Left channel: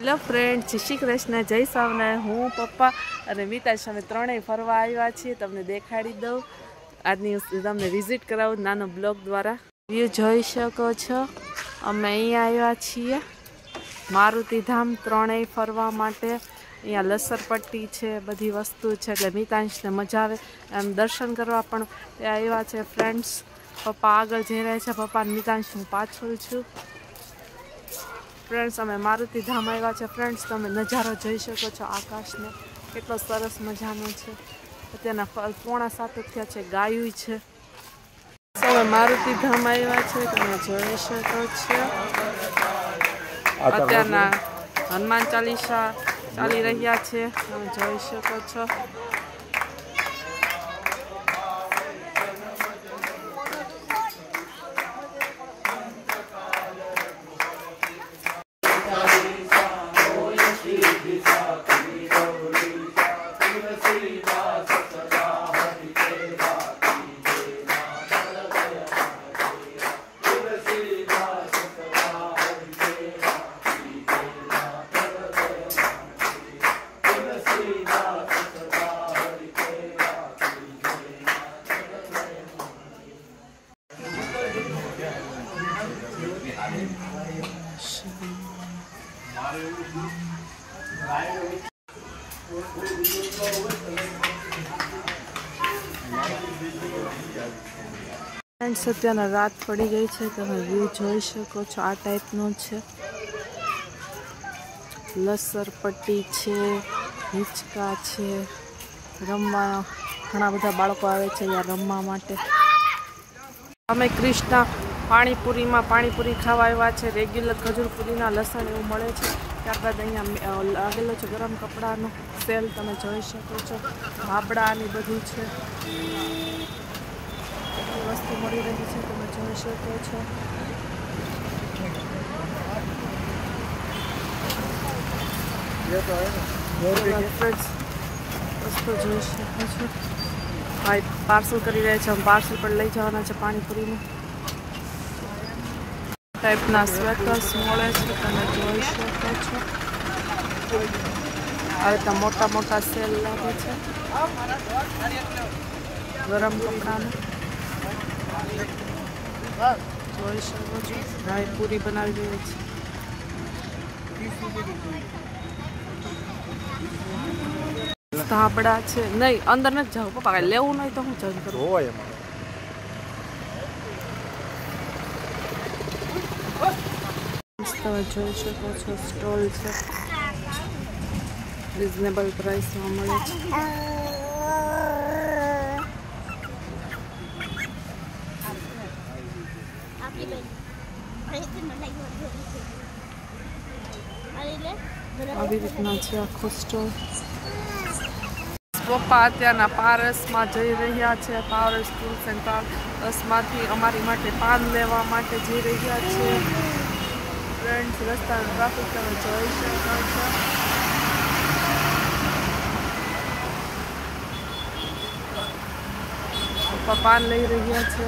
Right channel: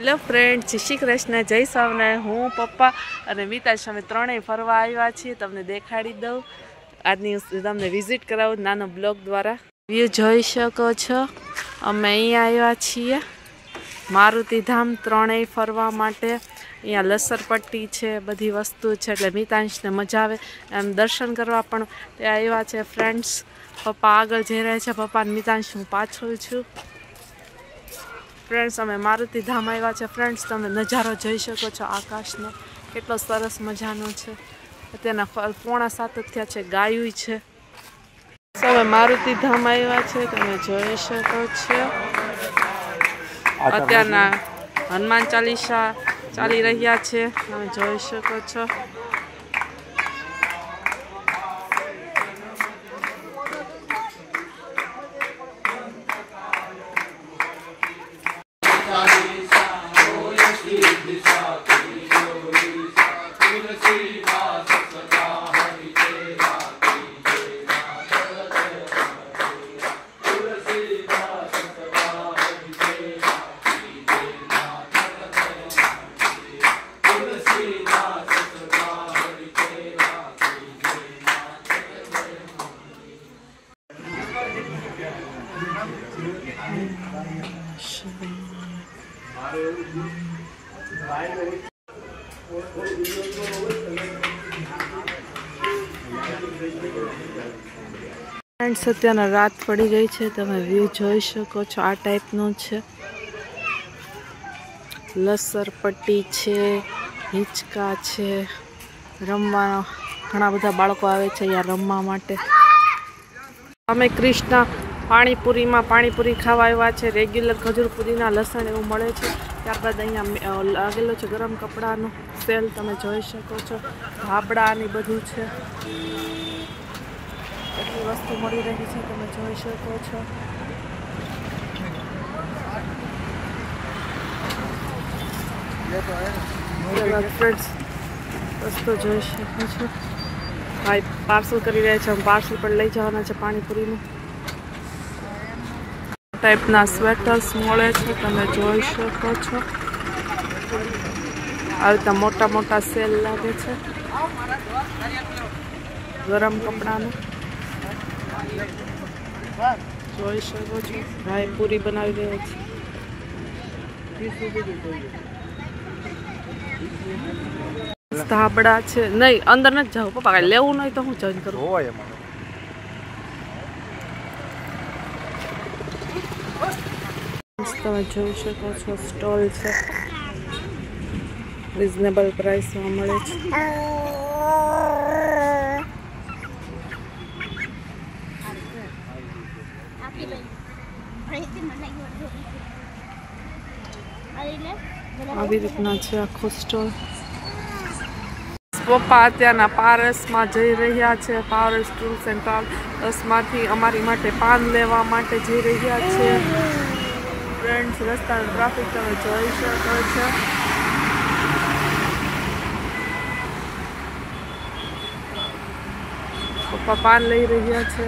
Hello friend, જય શ્રી કૃષ્ણ, જય સ્વામિનારાયણ। હું પપ્પા અને મિતાશ અમે ત્રણેય ફરવા આવ્યા છીએ। તમને દેખાડી દઉં, આજની તમને વિઝિટ કરાવું નાનો બ્લોગ દ્વારા। વ્યૂ જોઈ શકો છો। અમે અહીંયા આવ્યા છીએ મારુતિધામ ત્રણેય ફરવા માટે। અહીંયા લસરપટ્ટી છે, બધી વસ્તુ છે, એટલે મિતાંશને મજા આવે એમ દર્શન કરવા પણ ત્યાં આવ્યા છે ફ્રેન્ડ્સ। પપ્પા આગળ જઈ રહ્યા છે, પપ્પા અને મિતાંશ હું પાછળ છું। ફ્રેન્ડ્સ અમે મારુતિધામ આવ્યા છે ફ્રેન્ડ્સ, તમે નજારો જોઈ શકો છો આકાશનો, કેટલો સરસ મજાનો છે। અત્યારના 6:45 થયા છે, ગાયું છે। અમે મારુતિધામ આવ્યા છે, તમે જોઈ શકો છો। અત્યારના હનુમાન ચાલીસા ચાલી રહ્યા છે, તમે જોઈ શકો છો। ફ્રેન્ડ્સ અત્યારના રાત પડી ગઈ છે, તમે વ્યૂ જોઈ શકો છો, આ ટાઈપનો છે। લસરપટ્ટી છે, હિંચકા છે, રમવા ઘણા બધા બાળકો આવે છે અહીંયા રમવા માટે। અમે કૃષ્ણા પાણીપુરીમાં પાણીપુરી ખાવા આવ્યા છે। રેગ્યુલર ખજૂર પુદીના લસણ એવું મળે છે। ત્યારબાદ અહીંયા લાગેલો છે ગરમ કપડાનો સેલ, તમે જોઈ શકો છો। ધાબળા ને બધું છે, એટલી વસ્તુ મળી રહી છે, તમે જોઈ શકો છો। ફ્રેન્ડ્સ વસ્તુ જોઈ શકો છો। ભાઈ પાર્સલ કરી રહ્યા છે, પાર્સલ પણ લઈ જવાના છે પાણીપુરીનું। ટાઈપના સ્વેટર્સ મળે છે, તમે જોઈ શકો છો। આ રીતના મોટા મોટા સેલ લાગે છે ગરમ કપડાનું, જોઈ શકો છો। ભાઈ પૂરી બનાવી રહ્યા છે। ધાબળા છે, નહીં અંદર નથી જાવ પપ્પા, કાંઈ લેવું નહીં તો હું જોઈન કરું। તમે જોઈ શકો છો સ્ટોલ છે, રિઝનેબલ પ્રાઇસમાં મળે છે। આવી રીતના છે આખો સ્ટોલ। પપ્પા અત્યારના પારસમાં જઈ રહ્યા છે, પારસ ટૂર્સ એન્ડ ટ્રાવેલ્સમાંથી અમારી માટે પાન લેવા માટે જઈ રહ્યા છે ફ્રેન્ડ્સ। રસ્તાનો ટ્રાફિક તમે જોઈ શકો છો। પપ્પા પાન લઈ રહ્યા છે।